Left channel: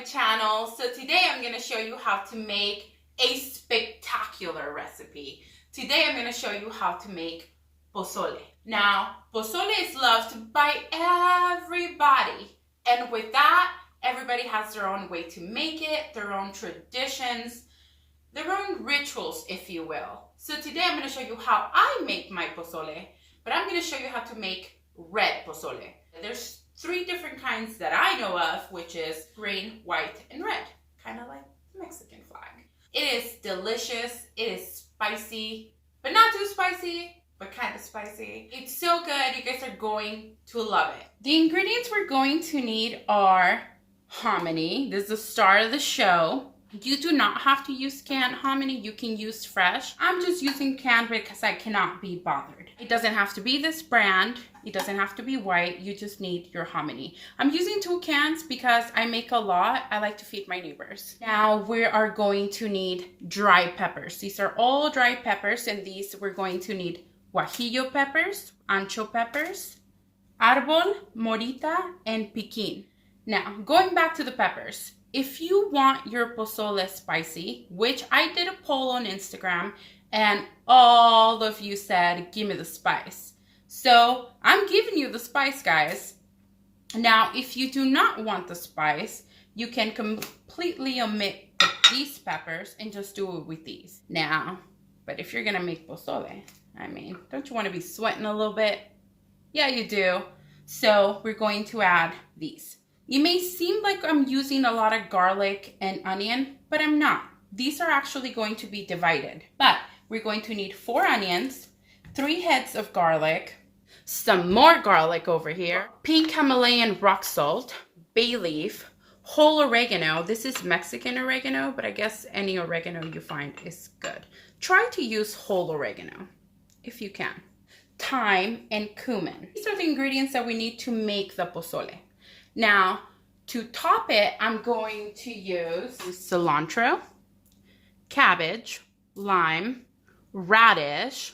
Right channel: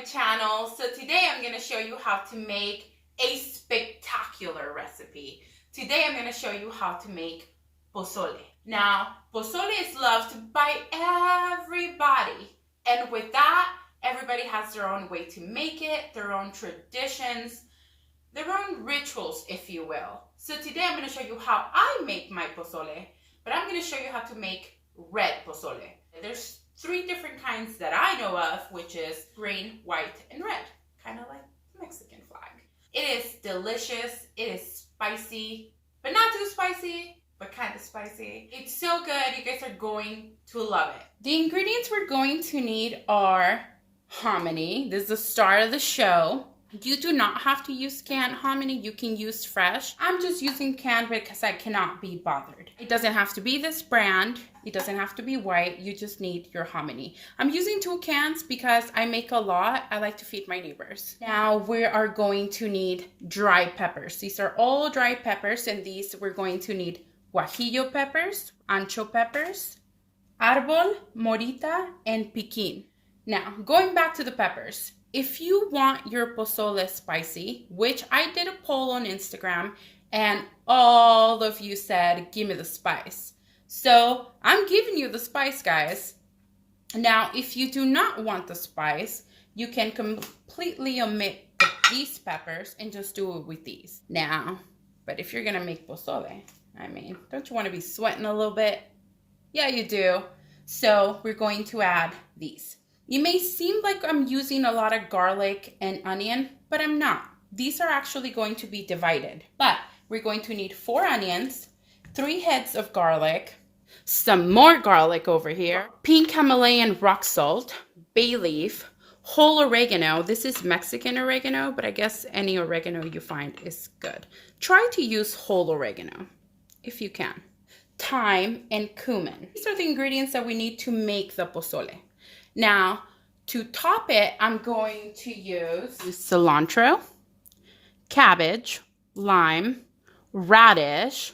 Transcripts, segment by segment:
my channel. So today I'm going to show you how to make a spectacular recipe. Today I'm going to show you how to make pozole. Now, pozole is loved by everybody. And with that, everybody has their own way to make it, their own traditions, their own rituals, if you will. So today I'm going to show you how I make my pozole, but I'm going to show you how to make red pozole. There's 3 different kinds that I know of, which is green, white, and red. Kind of like the Mexican flag. It is delicious. It is spicy, but not too spicy, but kind of spicy. It's so good. You guys are going to love it. The ingredients we're going to need are hominy. This is the start of the show. You do not have to use canned hominy. You can use fresh. I'm just using canned because I cannot be bothered. It doesn't have to be this brand. It doesn't have to be white. You just need your hominy. I'm using 2 cans because I make a lot. I like to feed my neighbors. Now we are going to need dry peppers. These are all dry peppers, and these we're going to need Guajillo Peppers, Ancho Peppers, Arbol, Morita, and Piquin. Now, going back to the peppers. If you want your pozole spicy, which I did a poll on Instagram, and all of you said, give me the spice. So I'm giving you the spice, guys. Now, if you do not want the spice, you can completely omit these peppers and just do it with these. Now, but if you're gonna make pozole, I mean, don't you want to be sweating a little bit? Yeah, you do. So we're going to add these. You may seem like I'm using a lot of garlic and onion, but I'm not. These are actually going to be divided. But we're going to need 4 onions, 3 heads of garlic, some more garlic over here, pink Himalayan rock salt, bay leaf, whole oregano. This is Mexican oregano, but I guess any oregano you find is good. Try to use whole oregano if you can. Thyme and cumin. These are the ingredients that we need to make the pozole. Now, to top it, I'm going to use cilantro, cabbage, lime, radish.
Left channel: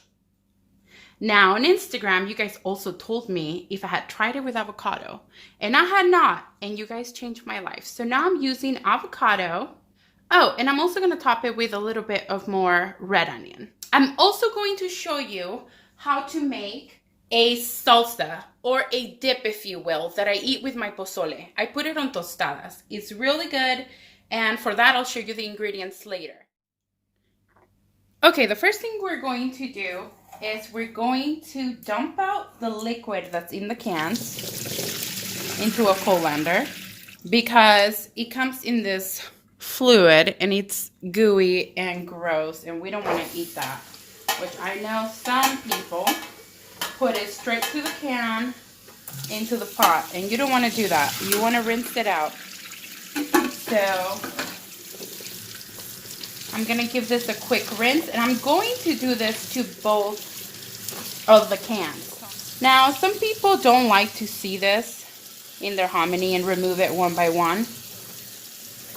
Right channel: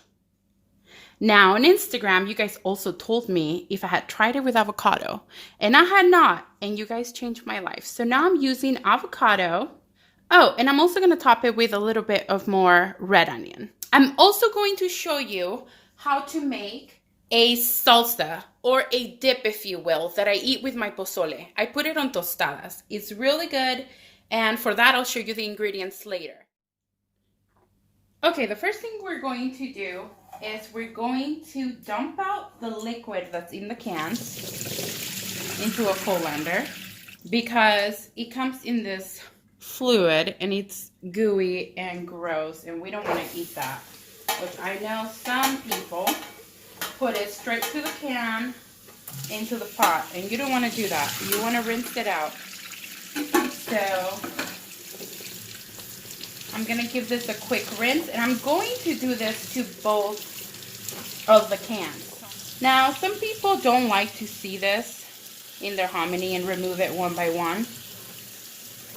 Now, on Instagram, you guys also told me if I had tried it with avocado, and I had not, and you guys changed my life. So now I'm using avocado. Oh, and I'm also going to top it with a little bit of more red onion. I'm also going to show you how to make a salsa, or a dip, if you will, that I eat with my pozole. I put it on tostadas. It's really good, and for that, I'll show you the ingredients later. Okay, the first thing we're going to do is we're going to dump out the liquid that's in the cans into a colander, because it comes in this fluid, and it's gooey and gross, and we don't want to eat that, which I know some people put it straight to the can into the pot, and you don't want to do that. You want to rinse it out. So I'm going to give this a quick rinse, and I'm going to do this to both of the cans. Now, some people don't like to see this in their hominy and remove it one by one.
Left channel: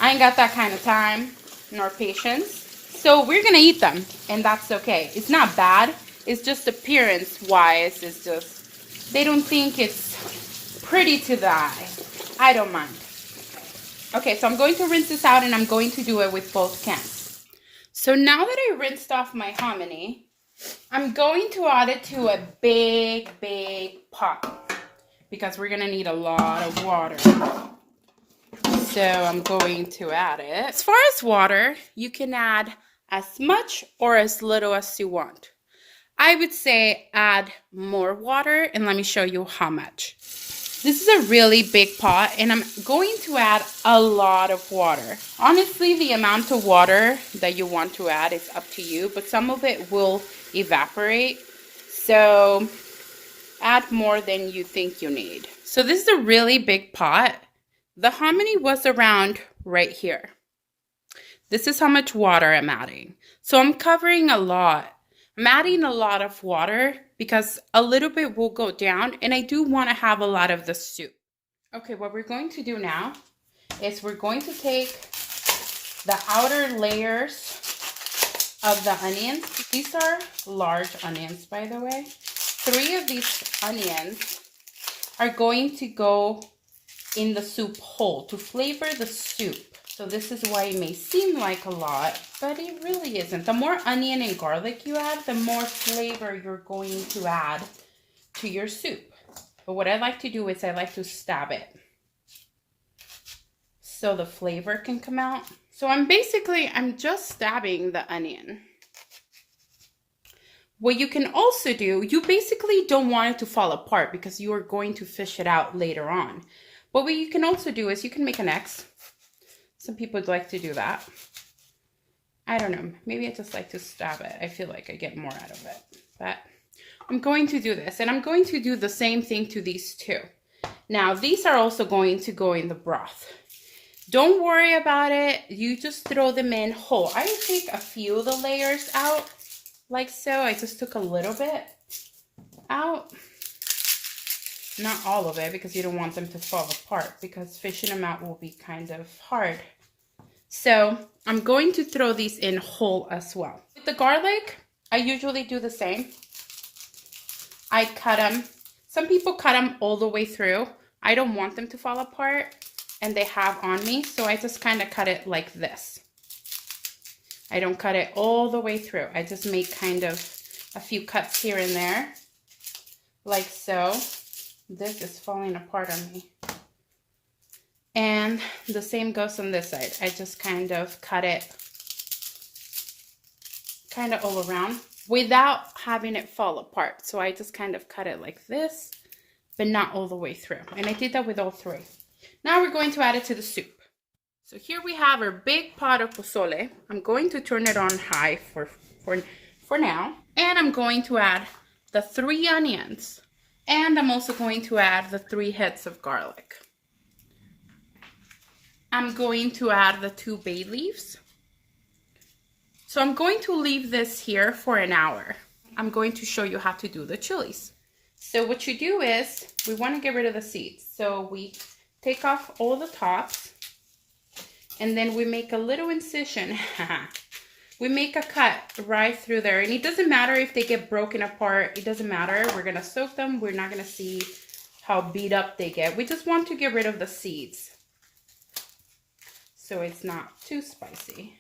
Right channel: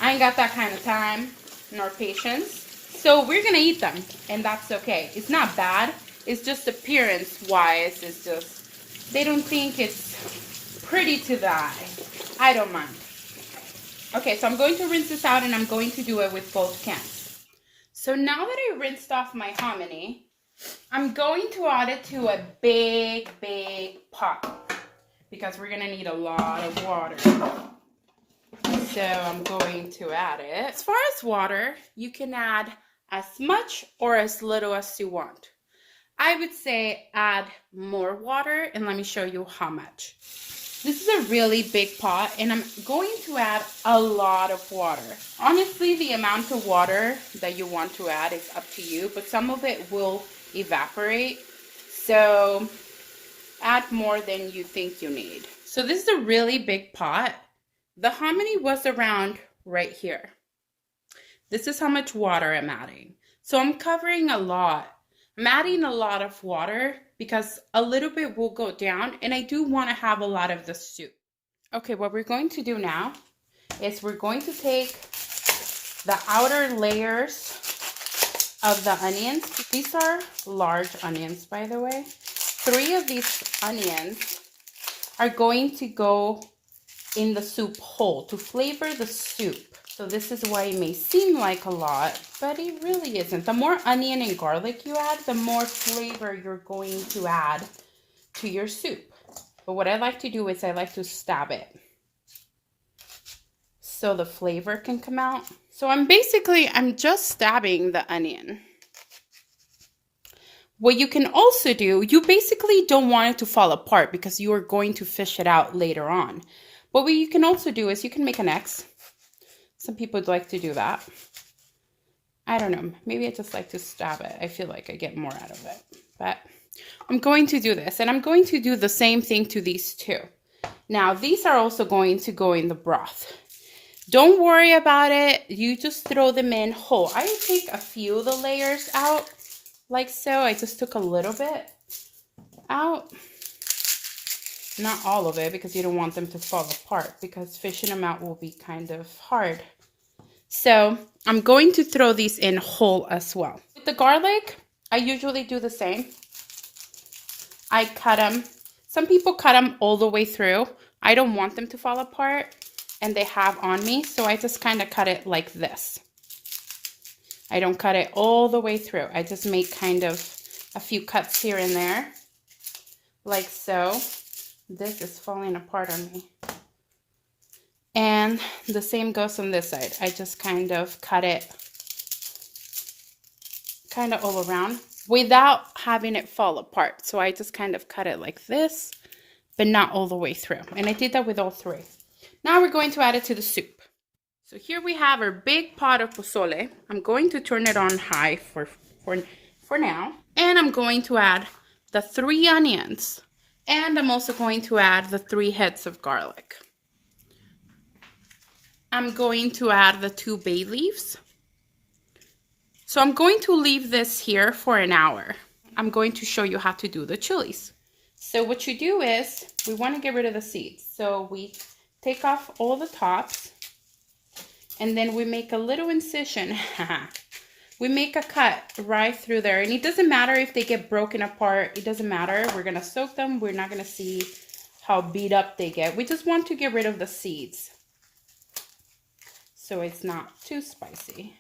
I ain't got that kind of time nor patience. So we're going to eat them, and that's okay. It's not bad. It's just appearance-wise, it's just, they don't think it's pretty to the eye. I don't mind. Okay, so I'm going to rinse this out, and I'm going to do it with both cans. So now that I rinsed off my hominy, I'm going to add it to a big, big pot, because we're going to need a lot of water. So I'm going to add it. As far as water, you can add as much or as little as you want. I would say add more water, and let me show you how much. This is a really big pot, and I'm going to add a lot of water. Honestly, the amount of water that you want to add is up to you, but some of it will evaporate. So add more than you think you need. So this is a really big pot. The hominy was around right here. This is how much water I'm adding. So I'm covering a lot. I'm adding a lot of water because a little bit will go down, and I do want to have a lot of the soup. Okay, what we're going to do now is we're going to take the outer layers of the onions. These are large onions, by the way. 3 of these onions are going to go in the soup whole to flavor the soup. So this is why it may seem like a lot, but it really isn't. The more onion and garlic you add, the more flavor you're going to add to your soup. But what I like to do is I like to stab it so the flavor can come out. So I'm just stabbing the onion. What you can also do, you basically don't want it to fall apart because you are going to fish it out later on. But what you can also do is you can make an X. Some people like to do that. I don't know, maybe I just like to stab it. I feel like I get more out of it. But I'm going to do this, and I'm going to do the same thing to these two. Now, these are also going to go in the broth. Don't worry about it. You just throw them in whole. I take a few of the layers out, like so. I just took a little bit out. Not all of it, because you don't want them to fall apart, because fishing them out will be kind of hard. So I'm going to throw these in whole as well. With the garlic, I usually do the same. I cut them. Some people cut them all the way through. I don't want them to fall apart, and they have on me, so I just kind of cut it like this. I don't cut it all the way through. I just make kind of a few cuts here and there, like so. This is falling apart on me. And the same goes on this side. I just kind of cut it kind of all around without having it fall apart. So I just kind of cut it like this, but not all the way through. And I did that with all three. Now we're going to add it to the soup. So here we have our big pot of pozole. I'm going to turn it on high for now. And I'm going to add the 3 onions. And I'm also going to add the 3 heads of garlic. I'm going to add the 2 bay leaves. So I'm going to leave this here for an hour. I'm going to show you how to do the chilies. So what you do is, we want to get rid of the seeds. So we take off all the tops, and then we make a little incision. We make a cut right through there, and it doesn't matter if they get broken apart. It doesn't matter. We're going to soak them. We're not going to see how beat up they get. We just want to get rid of the seeds so it's not too spicy.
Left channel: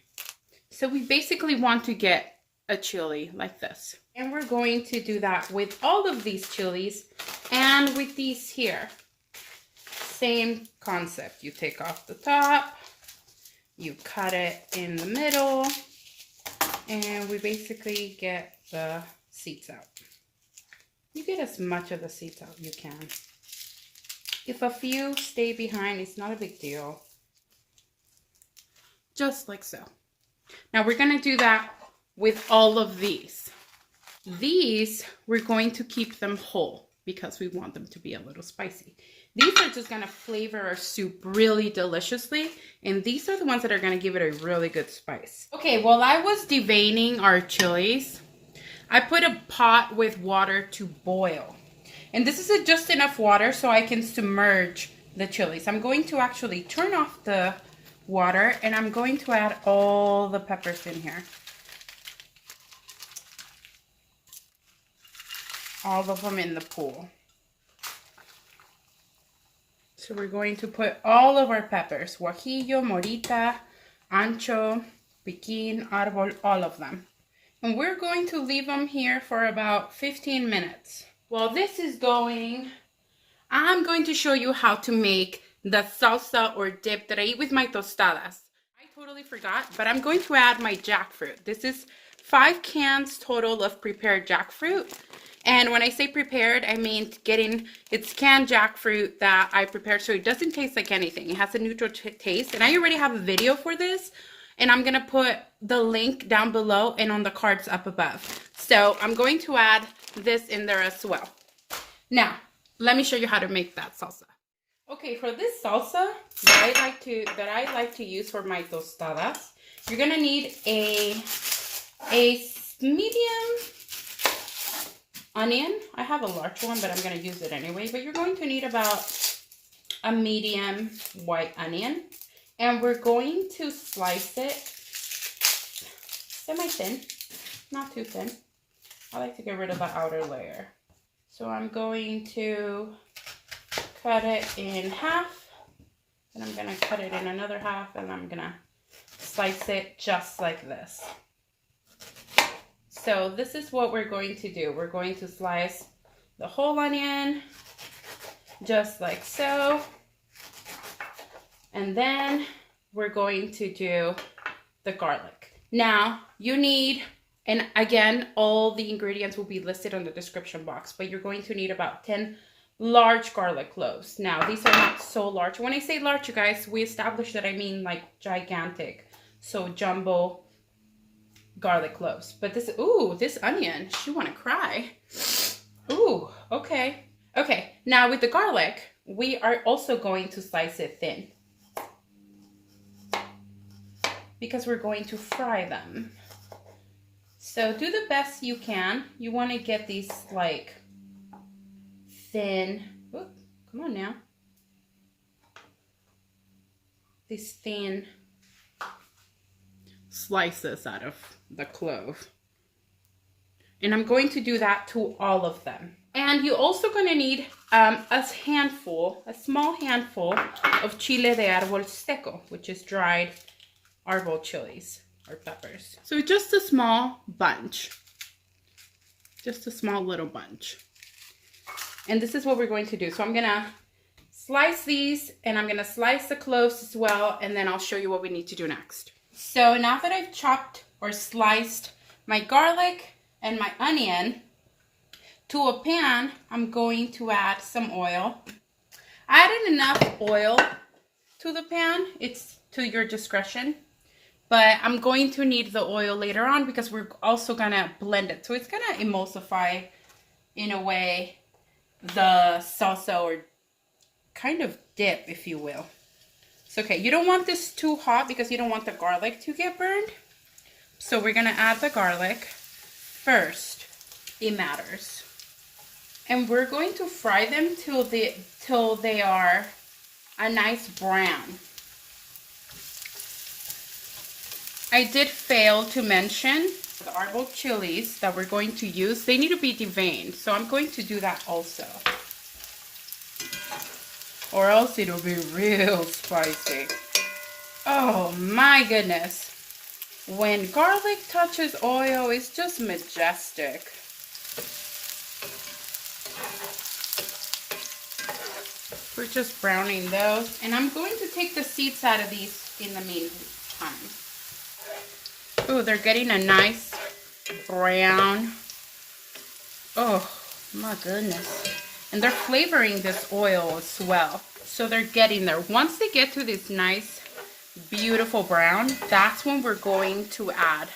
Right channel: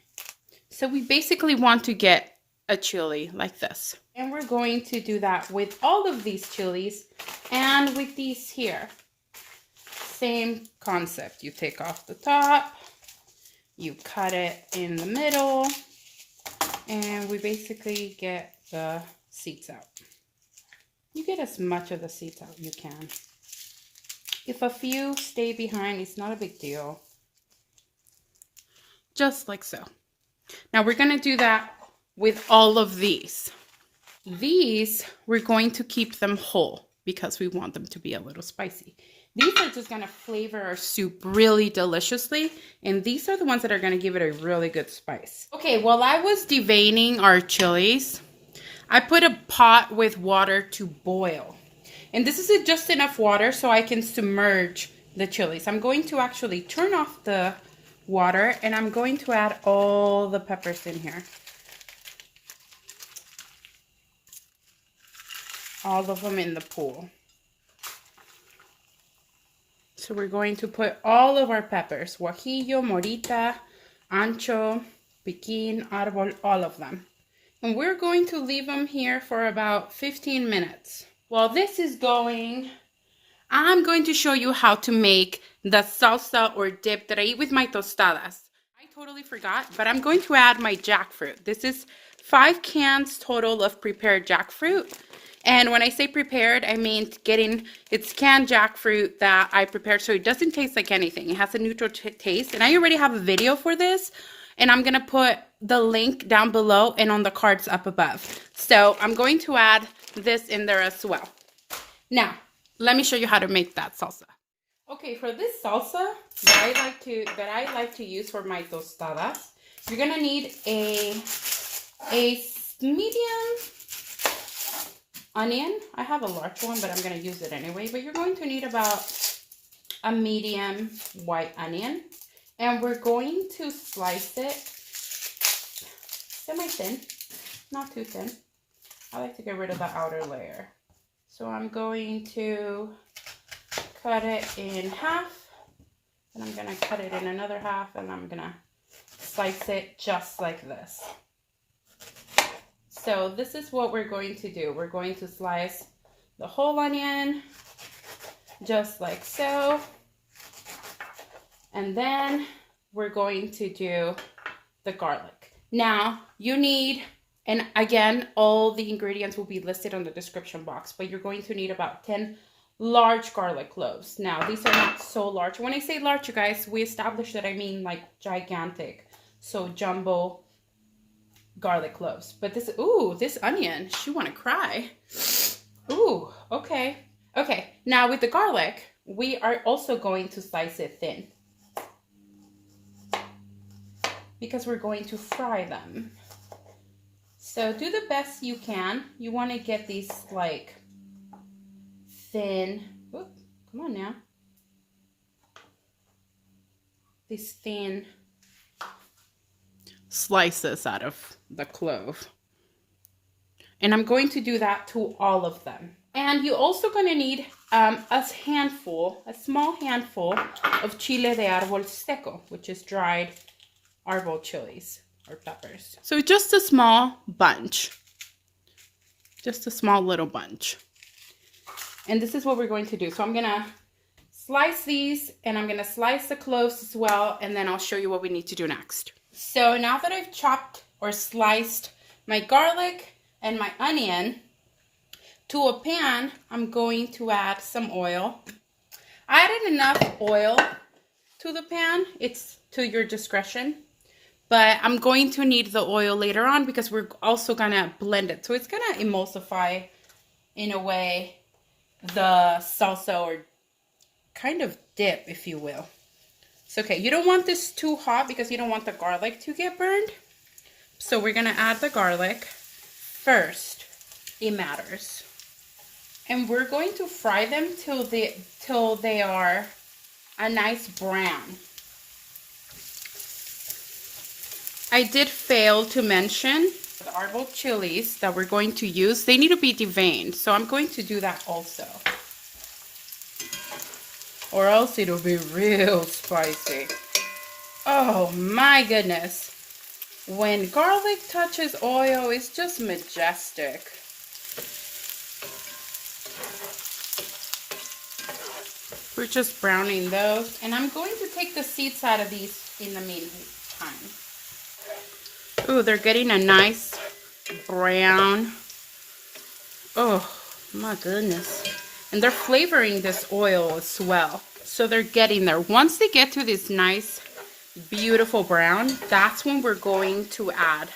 So we basically want to get a chili like this. And we're going to do that with all of these chilies and with these here. Same concept. You take off the top, you cut it in the middle, and we basically get the seeds out. You get as much of the seeds out you can. If a few stay behind, it's not a big deal. Just like so. Now we're going to do that with all of these. These, we're going to keep them whole because we want them to be a little spicy. These are just going to flavor our soup really deliciously. And these are the ones that are going to give it a really good spice. Okay, while I was deveining our chilies, I put a pot with water to boil. And this is just enough water so I can submerge the chilies. I'm going to actually turn off the water, and I'm going to add all the peppers in here. All of them in the pool. So we're going to put all of our peppers, Guajillo, Morita, Ancho, Piquin, Arbol, all of them. And we're going to leave them here for about 15 minutes. While this is going, I'm going to show you how to make the salsa or dip that I eat with my tostadas. I totally forgot, but I'm going to add my jackfruit. This is 5 cans total of prepared jackfruit. And when I say prepared, I mean it's canned jackfruit that I prepared so it doesn't taste like anything. It has a neutral taste. And I already have a video for this. And I'm going to put the link down below and on the cards up above. So I'm going to add this in there as well. Now, let me show you how to make that salsa. Okay, for this salsa that I like to use for my tostadas, you're going to need a medium onion. I have a large one, but I'm going to use it anyway. But you're going to need about a medium white onion. And we're going to slice it semi-thin, not too thin. I like to get rid of the outer layer. So I'm going to cut it in half. And I'm gonna cut it in another half, and I'm gonna slice it just like this. So this is what we're going to do. We're going to slice the whole onion, just like so. And then we're going to do the garlic. Now, you need, and again, all the ingredients will be listed on the description box, but you're going to need about 10 large garlic cloves. Now, these are not so large. When I say large, you guys, we established that I mean like gigantic. So jumbo garlic cloves. But this, ooh, this onion, she want to cry. Ooh, okay. Okay, now with the garlic, we are also going to slice it thin, because we're going to fry them. So do the best you can. You want to get these like thin, oh, come on now. These thin slices out of the clove. And I'm going to do that to all of them. And you're also going to need a small handful of chile de árbol seco, which is dried arbol chilies or peppers. So just a small bunch, just a small little bunch. And this is what we're going to do. So I'm gonna slice these, and I'm gonna slice the cloves as well, and then I'll show you what we need to do next. So now that I've chopped or sliced my garlic and my onion, to a pan, I'm going to add some oil. I added enough oil to the pan. It's to your discretion. But I'm going to need the oil later on because we're also gonna blend it. So it's gonna emulsify, in a way, the salsa, or kind of dip, if you will. So, okay, you don't want this too hot because you don't want the garlic to get burned. So we're gonna add the garlic first. It matters. And we're going to fry them till they are a nice brown. I did fail to mention the arbol chilies that we're going to use. They need to be deveined, so I'm going to do that also. Or else it'll be real spicy. Oh my goodness. When garlic touches oil, it's just majestic. We're just browning those. And I'm going to take the seeds out of these in the meantime. Ooh, they're getting a nice brown. Oh my goodness. And they're flavoring this oil as well. So they're getting there. Once they get to this nice, beautiful brown, that's when we're going to add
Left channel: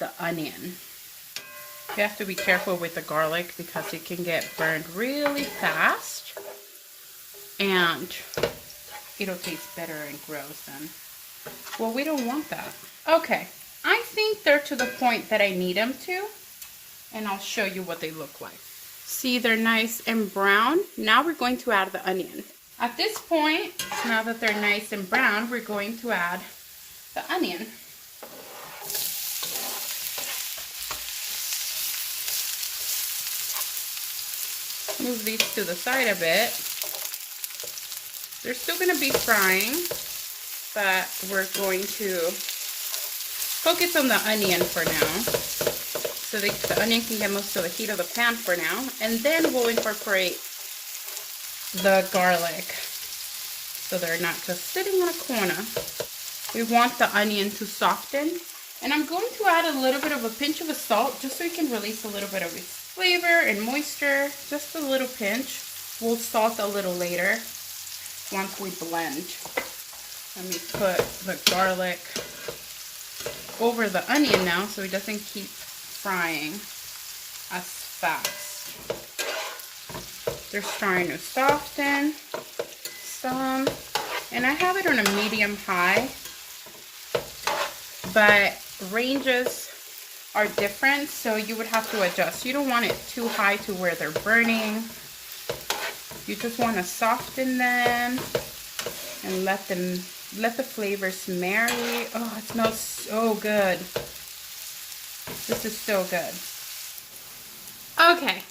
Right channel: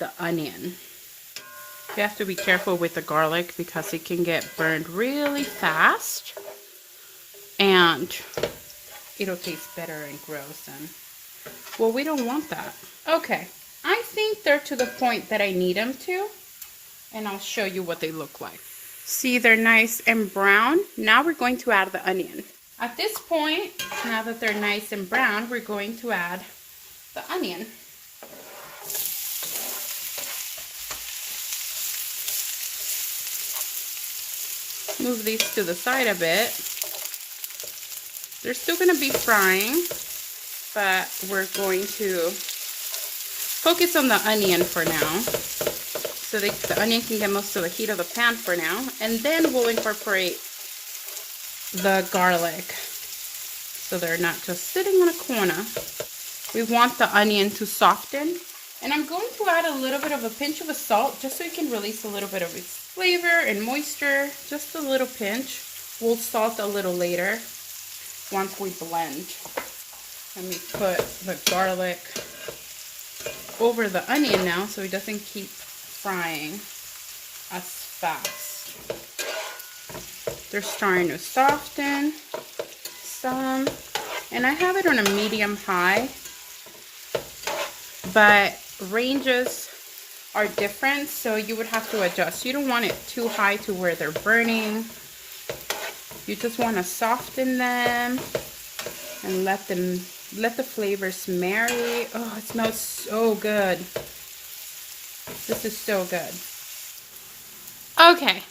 the onion. You have to be careful with the garlic because it can get burned really fast. And it'll taste better and gross. And, well, we don't want that. Okay. I think they're to the point that I need them to, and I'll show you what they look like. See, they're nice and brown. Now we're going to add the onion. At this point, now that they're nice and brown, we're going to add the onion. Move these to the side a bit. They're still going to be frying, but we're going to focus on the onion for now, so the onion can get most of the heat of the pan for now, and then we'll incorporate the garlic, so they're not just sitting in a corner. We want the onion to soften, and I'm going to add a little bit of a pinch of salt, just so it can release a little bit of its flavor and moisture, just a little pinch. We'll salt a little later, once we blend. Let me put the garlic over the onion now so it doesn't keep frying as fast. They're starting to soften some, and I have it on a medium high, but ranges are different, so you would have to adjust. You don't want it too high to where they're burning. You just want to soften them and let the flavors marinate. Oh, it smells so good. This is so good. Okay,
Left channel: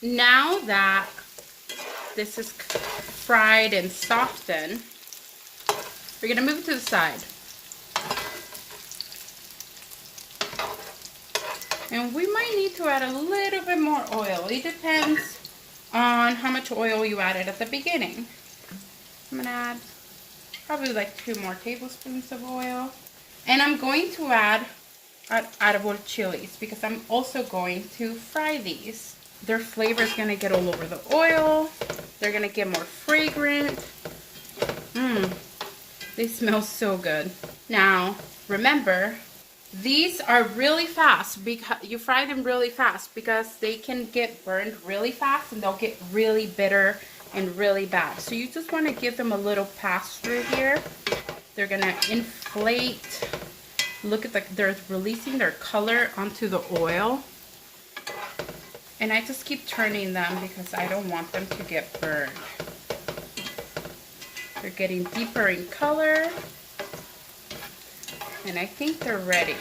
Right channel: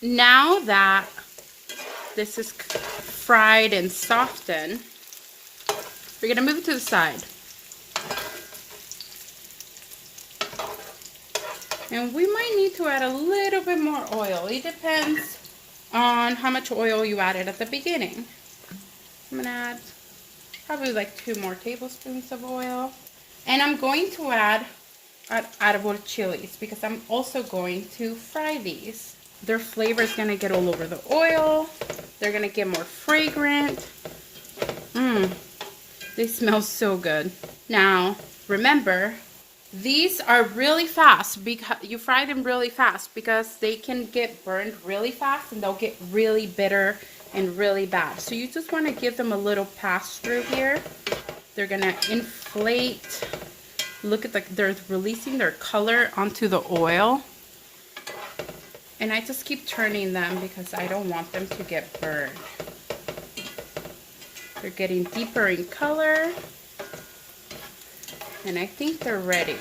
now that this is fried and softened, We're gonna move it to the side. And we might need to add a little bit more oil. It depends on how much oil you added at the beginning. I'm gonna add probably like 2 more tablespoons of oil. And I'm going to add Arbol chilies because I'm also going to fry these. Their flavor is gonna get all over the oil. They're gonna get more fragrant. They smell so good. Now, remember, these are really fast because you fry them really fast because they can get burned really fast and they'll get really bitter and really bad. So you just want to give them a little pass through here. They're gonna inflate. Look at they're releasing their color onto the oil. And I just keep turning them because I don't want them to get burned. They're getting deeper in color. And I think they're ready.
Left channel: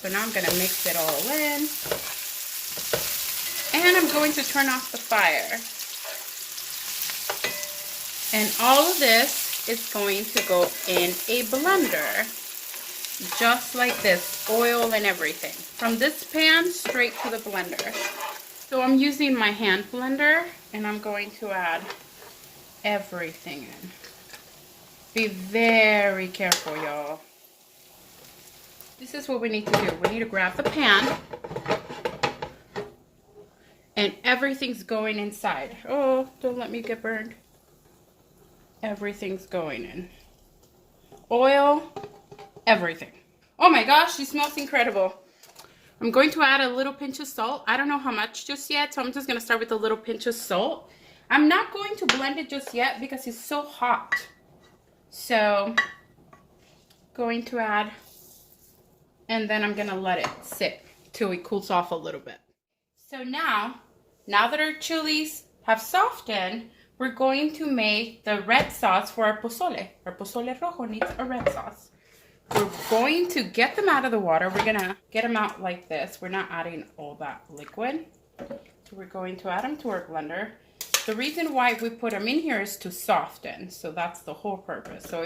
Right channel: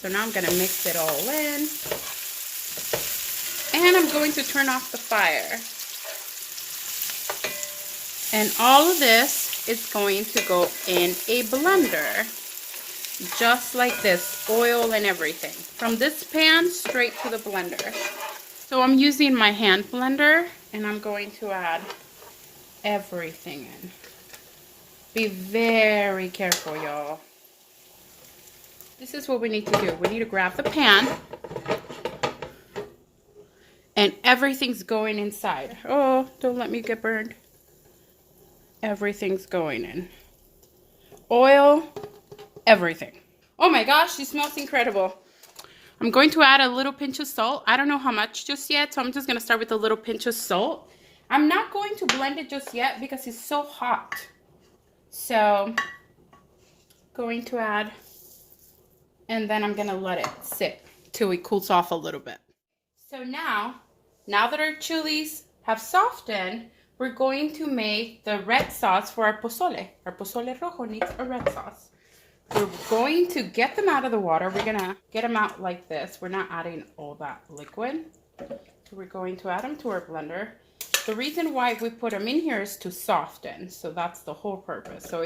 So now I'm going to mix it all in. And I'm going to turn off the fire. And all of this is going to go in a blender. Just like this, oil and everything. From this pan straight to the blender. So I'm using my hand blender and I'm going to add everything in. Be very careful, y'all. This is what we need to do. We need to grab the pan and everything's going inside. Oh, don't let me get burned. Everything's going in. Oil, everything. Oh my gosh, this smells incredible. I'm going to add a little pinch of salt. I don't know how much just yet, so I'm just going to start with a little pinch of salt. I'm not going to blend it just yet because it's so hot. So, going to add, and then I'm going to let it sit till it cools off a little bit. So now that our chilies have softened, we're going to make the red sauce for our pozole. Our Pozole Rojo needs a red sauce. We're going to get them out of the water. We're going to get them out like this. We're not adding all that liquid. So we're going to add them to our blender. The reason why we put them in here is to soften. So that's the whole purpose. So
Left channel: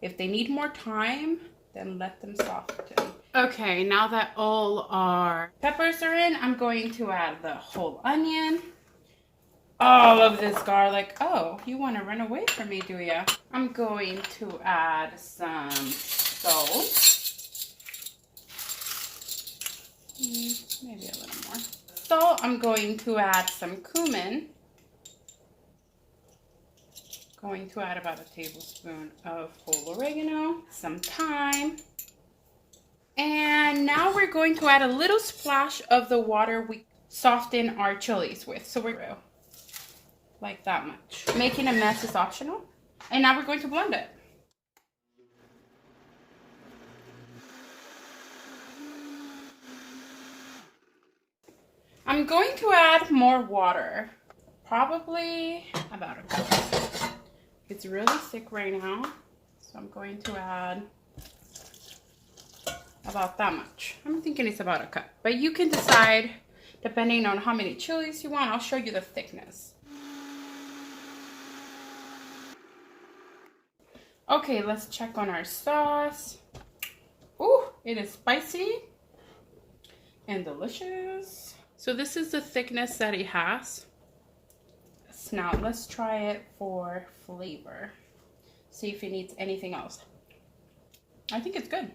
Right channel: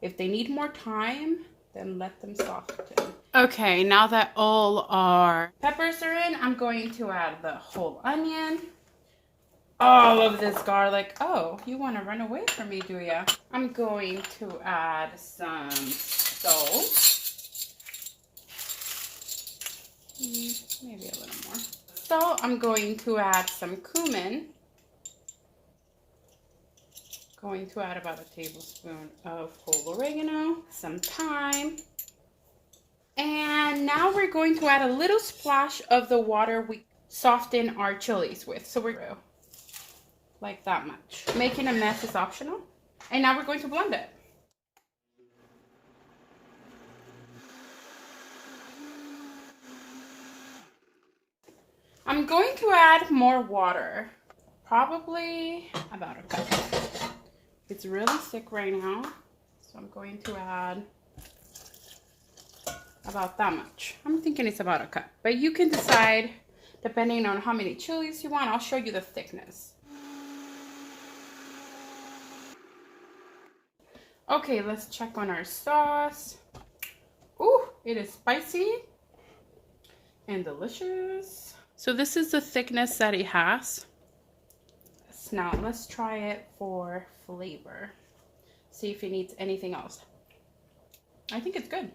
if they need more time, then let them soften. Okay, now that all our peppers are in, I'm going to add the whole onion. All of this garlic. Oh, you want to run away from me, do ya? I'm going to add some salt. Maybe a little more. Salt. I'm going to add some cumin. Going to add about a tablespoon of whole oregano, some thyme. And now we're going to add a little splash of the water we soften our chilies with. So we're like that much. Making a mess is optional. And now we're going to blend it. I'm going to add more water. Probably about a cup. It's really thick right now. So I'm going to add about that much. I'm thinking it's about a cup. But you can decide depending on how many chilies you want. I'll show you the thickness. Okay, let's check on our sauce. Ooh, it is spicy and delicious. So this is the thickness that it has. Now let's try it for flavor. See if it needs anything else. I think it's good.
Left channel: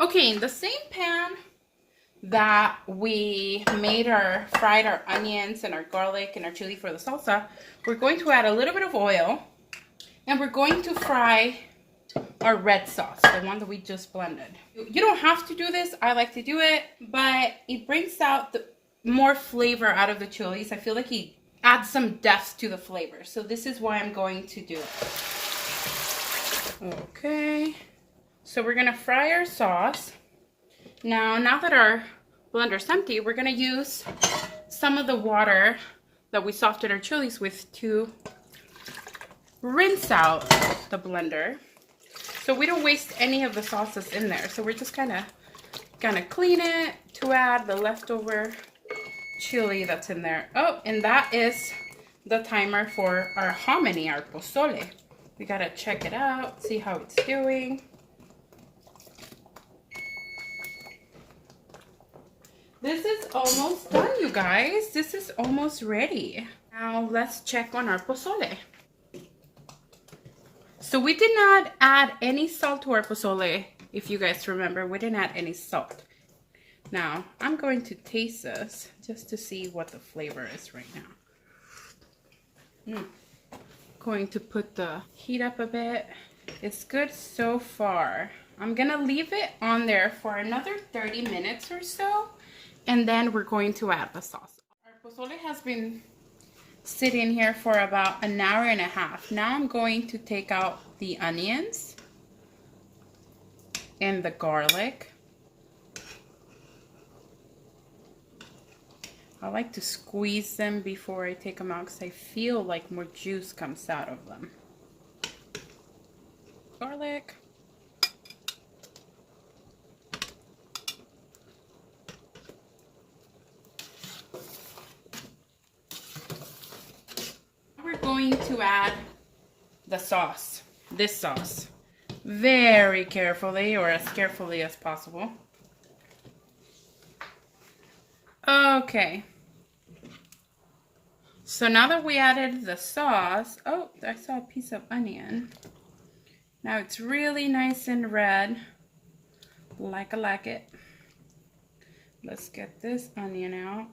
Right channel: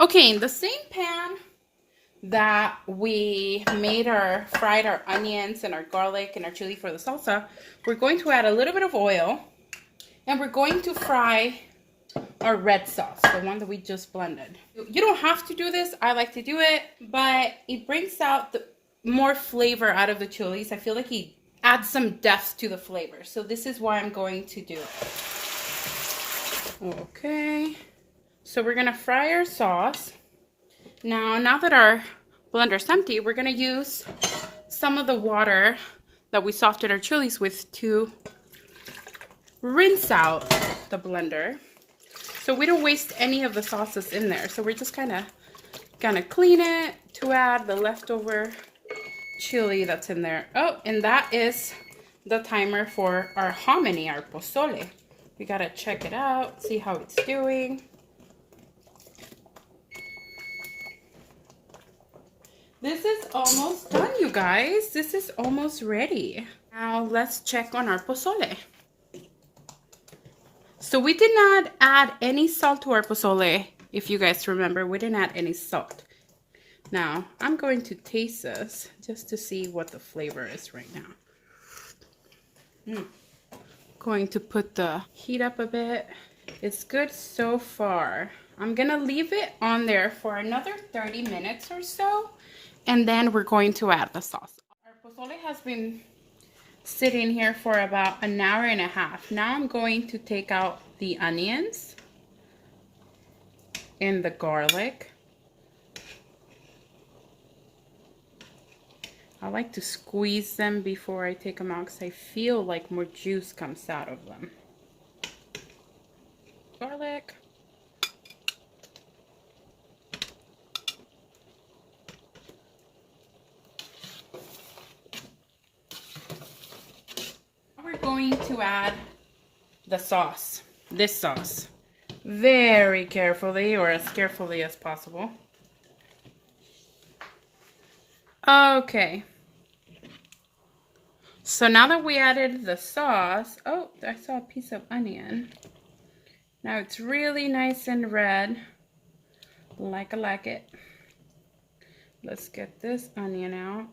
Okay, in the same pan that we fried our onions and our garlic and our chili for the salsa, we're going to add a little bit of oil and we're going to fry our red sauce, the one that we just blended. You don't have to do this. I like to do it, but it brings out more flavor out of the chilies. I feel like it adds some depth to the flavor. So this is why I'm going to do it. Okay. So we're going to fry our sauce. Now that our blender's empty, we're going to use some of the water that we softened our chilies with to rinse out the blender. So we don't waste any of the sauces in there. So we're just gonna clean it to add the leftover chili that's in there. Oh, and that is the timer for our hominy, our pozole. We gotta check it out, see how it's doing. This is almost done, you guys. This is almost ready. Now let's check on our pozole. So we did not add any salt to our pozole. If you guys remember, we didn't add any salt. Now I'm going to taste this just to see what the flavor is right now. Going to put the heat up a bit. It's good so far. I'm gonna leave it on there for another 30 minutes or so, and then we're going to add the sauce. Our pozole has been sitting here for about an hour and a half. Now I'm going to take out the onions and the garlic. I like to squeeze them before I take them out because I feel like more juice comes out of them. Garlic. We're going to add the sauce, this sauce, very carefully, or as carefully as possible. Okay. So now that we added the sauce, oh, I saw a piece of onion. Now it's really nice and red, like I like it. Let's get this onion out.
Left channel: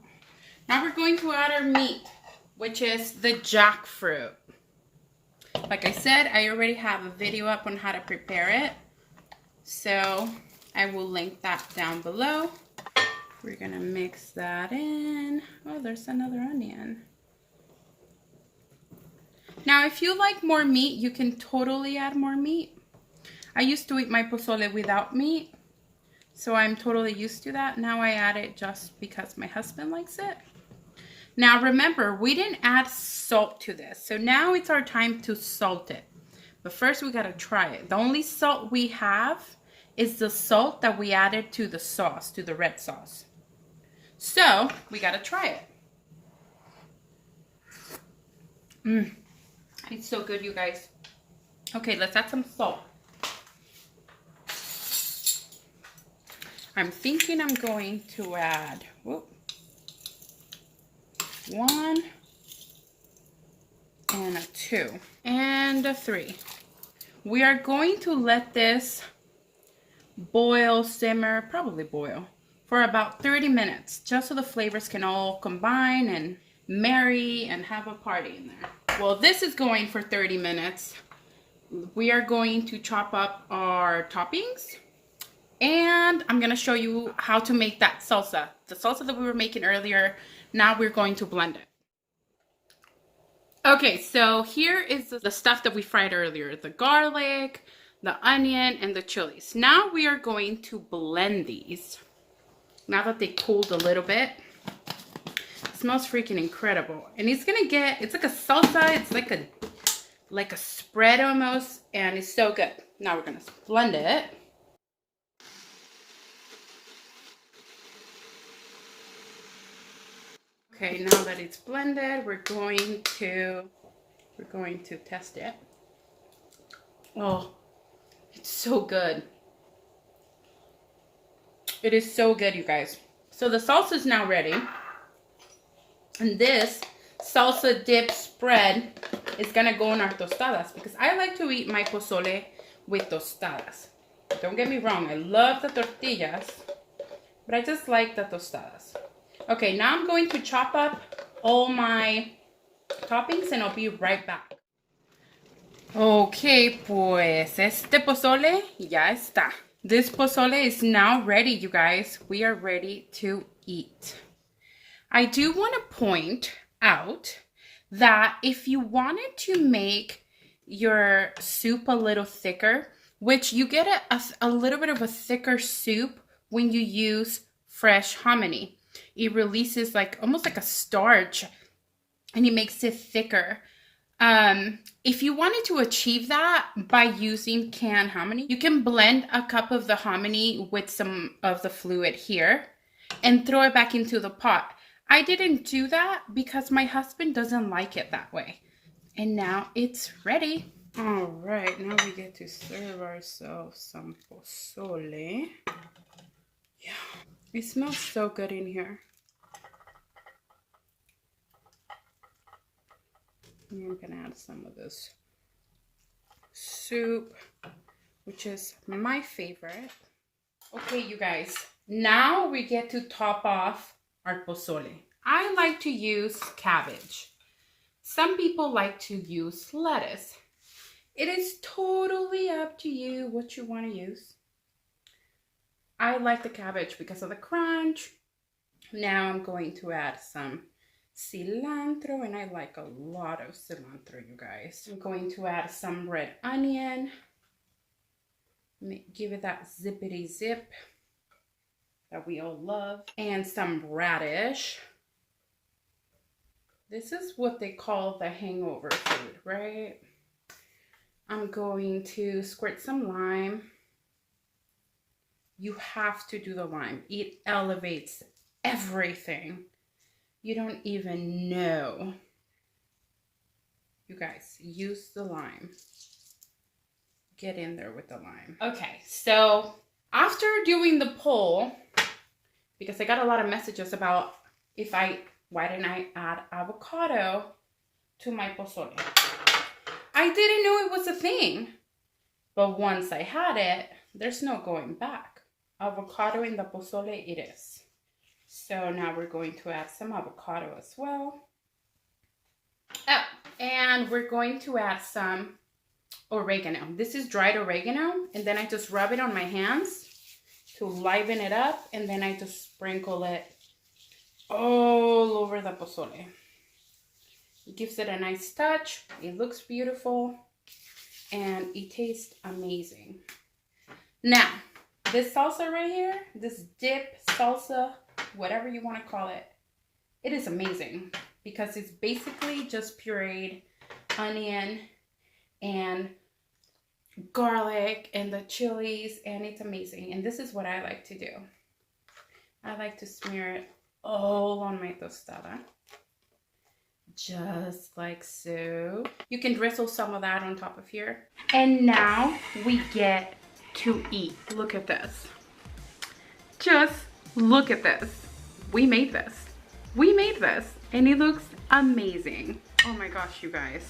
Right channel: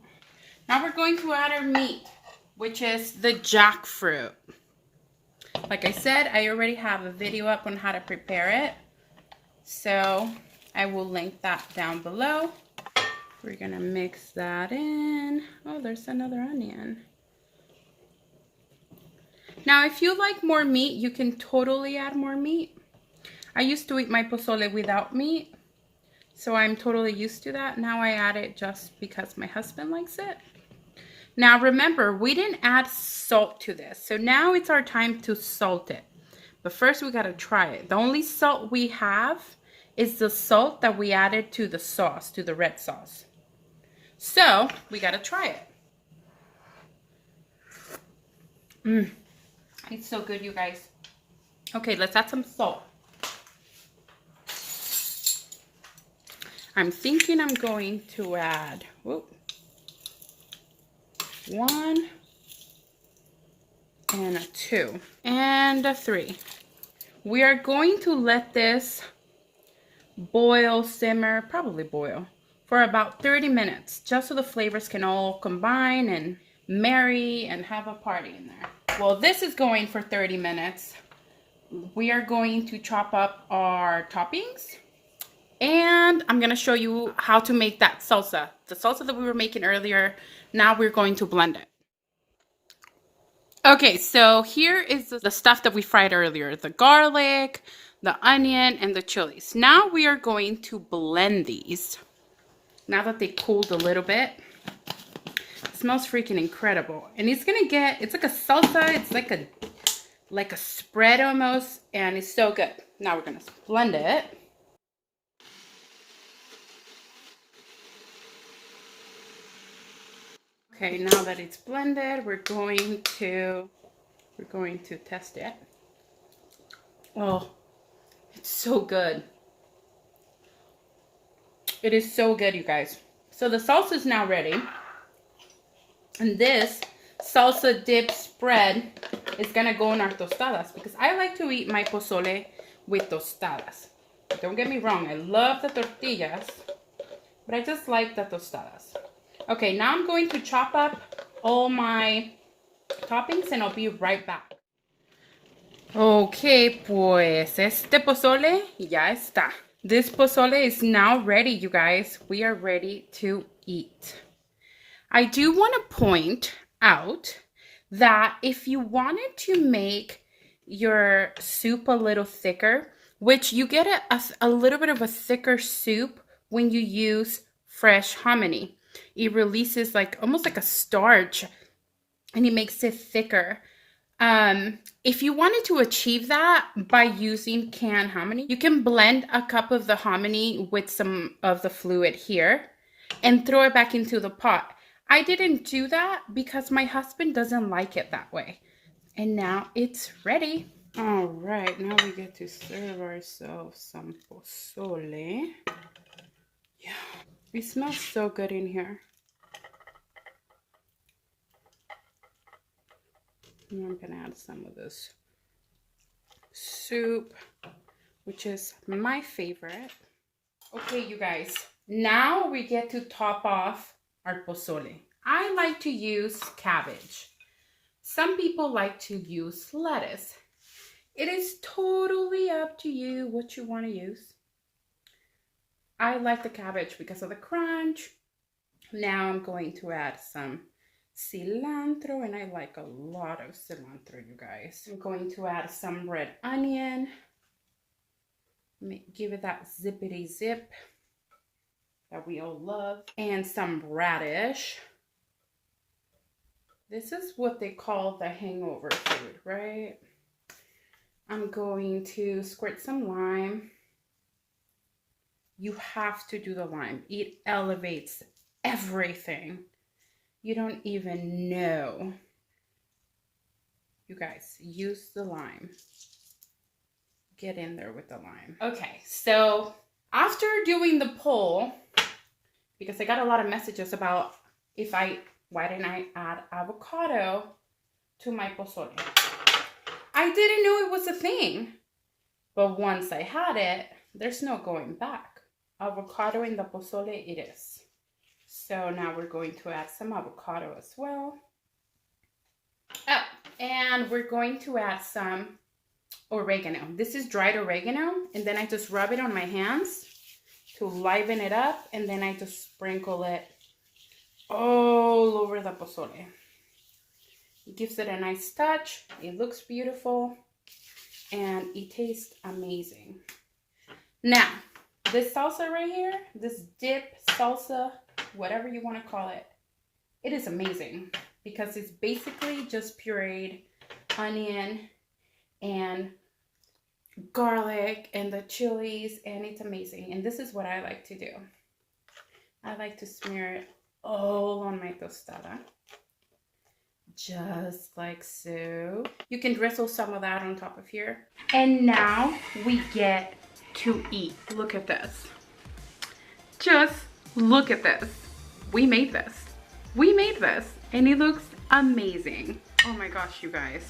Now we're going to add our meat, which is the jackfruit. Like I said, I already have a video up on how to prepare it, so I will link that down below. We're gonna mix that in. Oh, there's another onion. Now, if you like more meat, you can totally add more meat. I used to eat my pozole without meat, so I'm totally used to that. Now I add it just because my husband likes it. Now remember, we didn't add salt to this, so now it's our time to salt it. But first we gotta try it. The only salt we have is the salt that we added to the sauce, to the red sauce. So we gotta try it. It's so good, you guys. Okay, let's add some salt. I'm thinking I'm going to add 1 and a 2 and a 3. We are going to let this boil, simmer, probably boil, for about 30 minutes, just so the flavors can all combine and marry and have a party in there. Well, this is going for 30 minutes. We are going to chop up our toppings, and I'm gonna show you how to make that salsa. The salsa that we were making earlier, now we're going to blend it. Okay, so here is the stuff that we fried earlier, the garlic, the onion, and the chilies. Now we are going to blend these. Now that they cooled a little bit. It smells freaking incredible. And it's gonna get, it's like a salsa, it's like a spread almost, and it's so good. Now we're gonna blend it. Okay, now that it's blended, we're going to test it. Oh, it's so good. It is so good, you guys. So the salsa is now ready. And this salsa dip spread is gonna go in our tostadas, because I like to eat my pozole with tostadas. Don't get me wrong, I love the tortillas, but I just like the tostadas. Okay, now I'm going to chop up all my toppings and I'll be right back. Okay, pues este pozole ya está. This pozole is now ready, you guys. We are ready to eat. I do want to point out that if you wanted to make your soup a little thicker, which you get a little bit of a thicker soup when you use fresh hominy. It releases almost like a starch, and it makes it thicker. If you wanted to achieve that by using canned hominy, you can blend a cup of the hominy with some of the fluid here and throw it back into the pot. I didn't do that because my husband doesn't like it that way. And now it's ready. All right, now we get to serve ourselves some pozole. Yeah, it smells so good in here. And I'm gonna add some of this soup, which is my favorite. Okay, you guys, now we get to top off our pozole. I like to use cabbage. Some people like to use lettuce. It is totally up to you what you want to use. I like the cabbage because of the crunch. Now I'm going to add some cilantro, and I like a lot of cilantro, you guys. I'm going to add some red onion. Give it that zippity zip that we all love. And some radish. This is what they call the hangover food, right? I'm going to squirt some lime. You have to do the lime. It elevates everything. You don't even know. You guys, use the lime. Get in there with the lime. Okay, so after doing the poll, because I got a lot of messages about why didn't I add avocado to my pozole? I didn't know it was a thing. But once I had it, there's no going back. Avocado in the pozole it is. So now we're going to add some avocado as well. Oh, and we're going to add some oregano. This is dried oregano, and then I just rub it on my hands to liven it up, and then I just sprinkle it all over the pozole. It gives it a nice touch. It looks beautiful, and it tastes amazing. Now, this salsa right here, this dip, salsa, whatever you want to call it, it is amazing because it's basically just pureed onion and garlic and the chilies, and it's amazing. And this is what I like to do. I like to smear it all on my tostada, just like so. You can drizzle some of that on top of here. And now we get to eat. Look at this. Just look at this. We made this. We made this, and it looks amazing. Oh my gosh, you guys.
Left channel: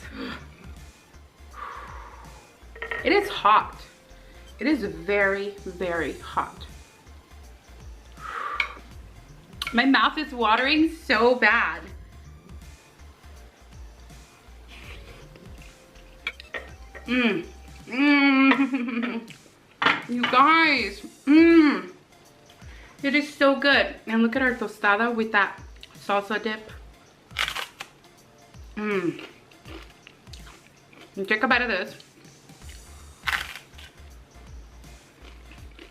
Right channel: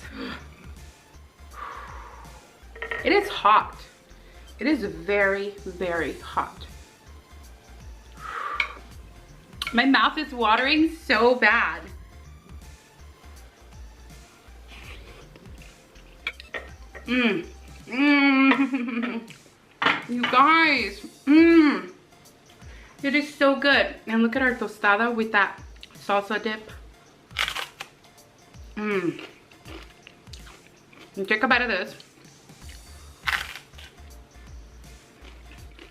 It is hot. It is very, very hot. My mouth is watering so bad. You guys. It is so good. And look at our tostada with that salsa dip. And take a bite of this.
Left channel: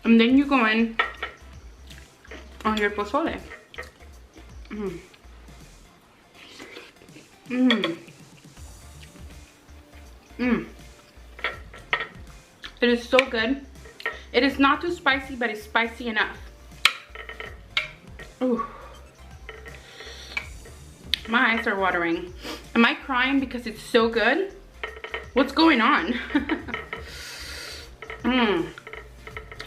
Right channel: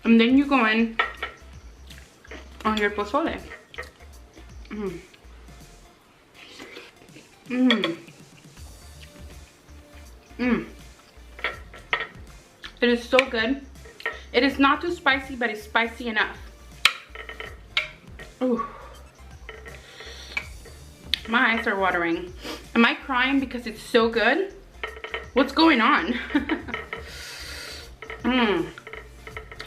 And then you go in on your pozole. It is so good. It is not too spicy, but it's spicy enough. Ooh. My eyes are watering. Am I crying because it's so good? What's going on?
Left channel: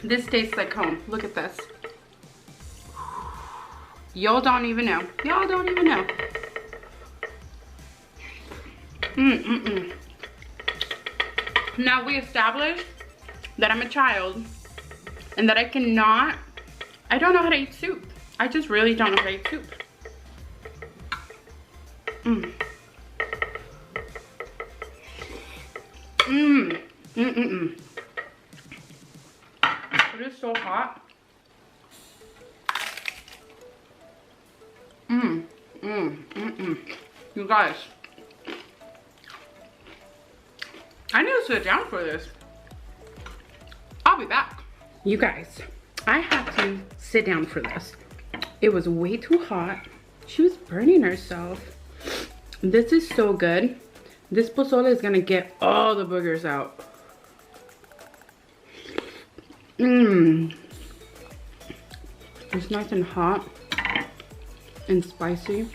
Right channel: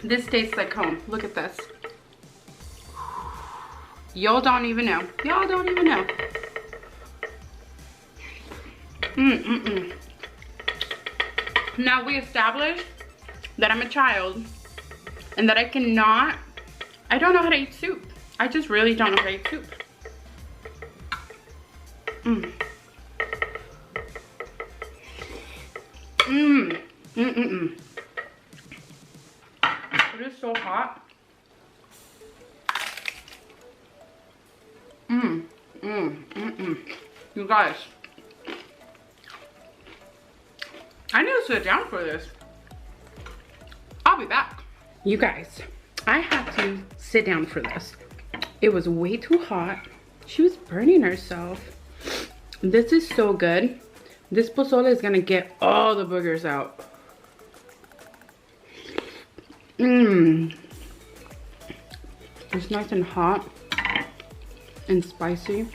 This tastes like home. Look at this. Y'all don't even know. Y'all don't even know. Now we established that I'm a child and that I don't know how to eat soup. I just really don't know how to eat soup. It is so hot. You guys, I need to sit down for this. I'll be back. You guys, I had to sit down for this. It was way too hot. She was burning herself. This is so good. This pozole is gonna get all the boogers out. It's nice and hot. and spicy.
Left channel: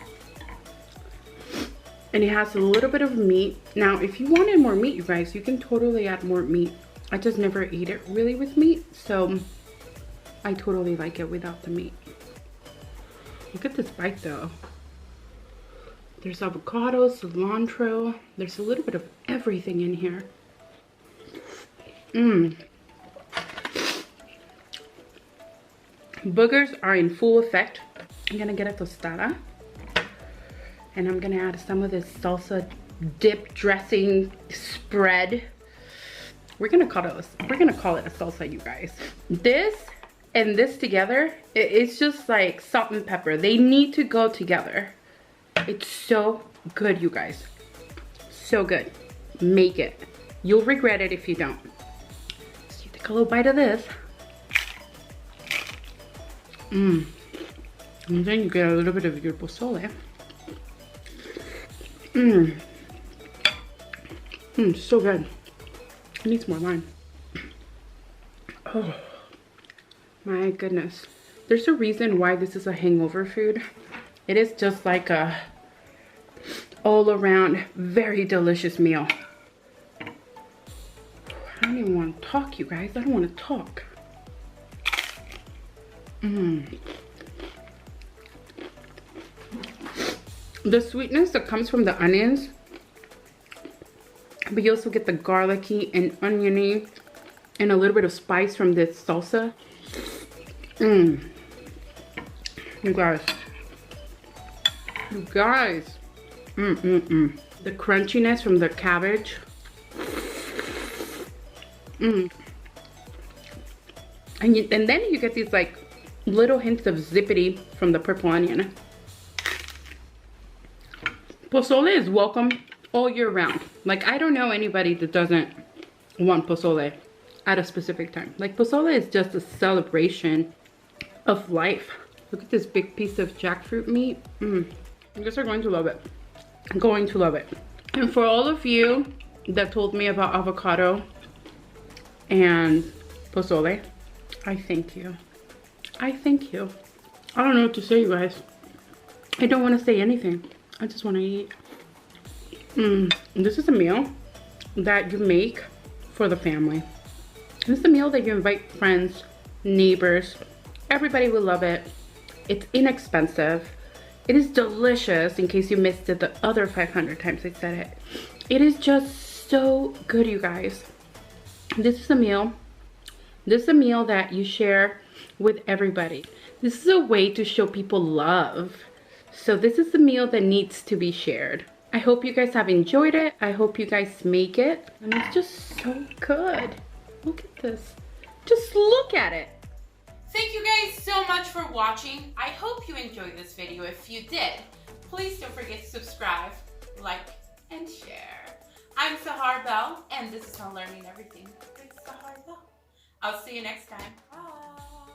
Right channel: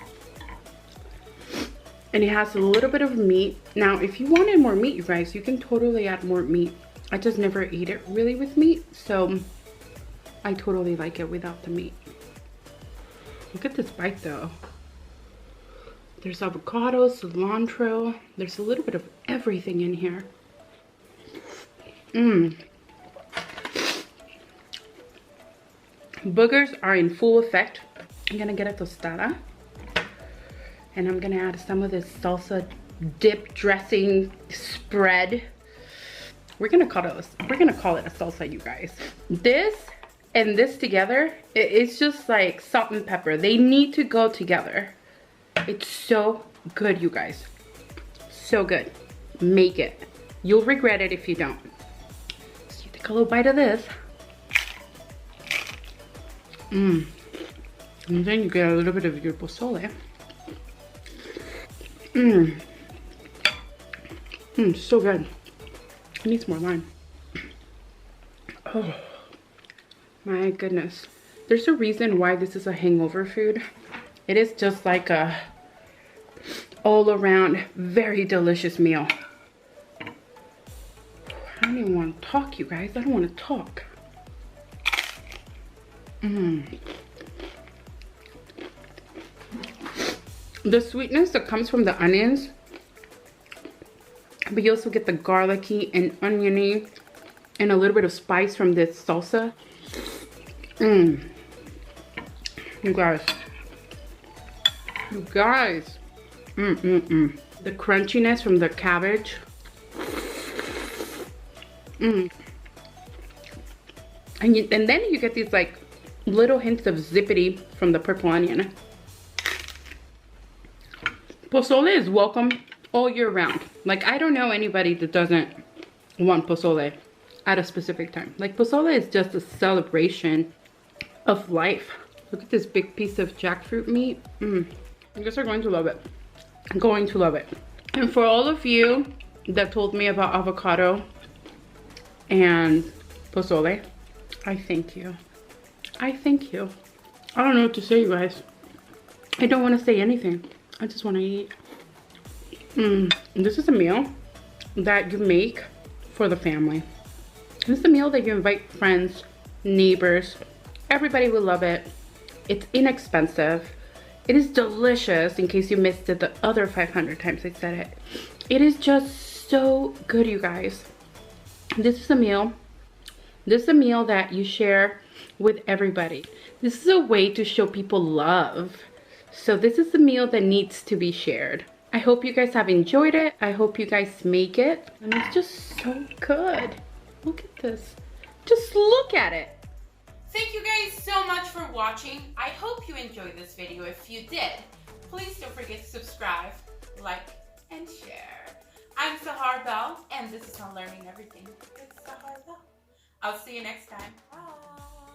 And it has a little bit of meat. Now, if you wanted more meat, you guys, you can totally add more meat. I just never eat it really with meat, so I totally like it without the meat. Look at this bite though. There's avocado, cilantro. There's a little bit of everything in here. Boogers are in full effect. I'm gonna get a tostada. And I'm gonna add some of this salsa dip dressing spread. We're gonna call it a salsa, you guys. This and this together, it's just like salt and pepper. They need to go together. It's so good, you guys. So good. Make it. You'll regret it if you don't. So you take a little bite of this. And then you get a little bit of your pozole. So good. It needs more lime. Oh my goodness. There's a reason why this is a hangover food. It is just like a all around very delicious meal. I don't even want to talk, you guys. I don't want to talk. The sweetness that comes from the onions, but you also get the garlicky and oniony and a little bit of spice from this salsa. You guys. The crunchiness from the cabbage. And then you get these like little hints of zippity from the purple onion. Pozole is welcome all year round. Like, I don't know anybody that doesn't want pozole at a specific time. Like, pozole is just a celebration of life. Look at this big piece of jackfruit meat. You guys are going to love it. I'm going to love it. And for all of you that told me about avocado and pozole, I thank you. I thank you. I don't know what to say, you guys. I don't want to say anything. I just want to eat. This is a meal that you make for the family. This is a meal that you invite friends, neighbors. Everybody will love it. It's inexpensive. It is delicious, in case you missed it the other 500 times I said it. It is just so good, you guys. This is a meal. This is a meal that you share with everybody. This is a way to show people love. So this is a meal that needs to be shared. I hope you guys have enjoyed it. I hope you guys make it. And it's just so good. Look at this. Just look at it. Thank you guys so much for watching. I hope you enjoyed this video. If you did, please don't forget to subscribe, like, and share. I'm SaharBelle, and this is on Learning Everything with SaharBelle. I'll see you next time. Bye.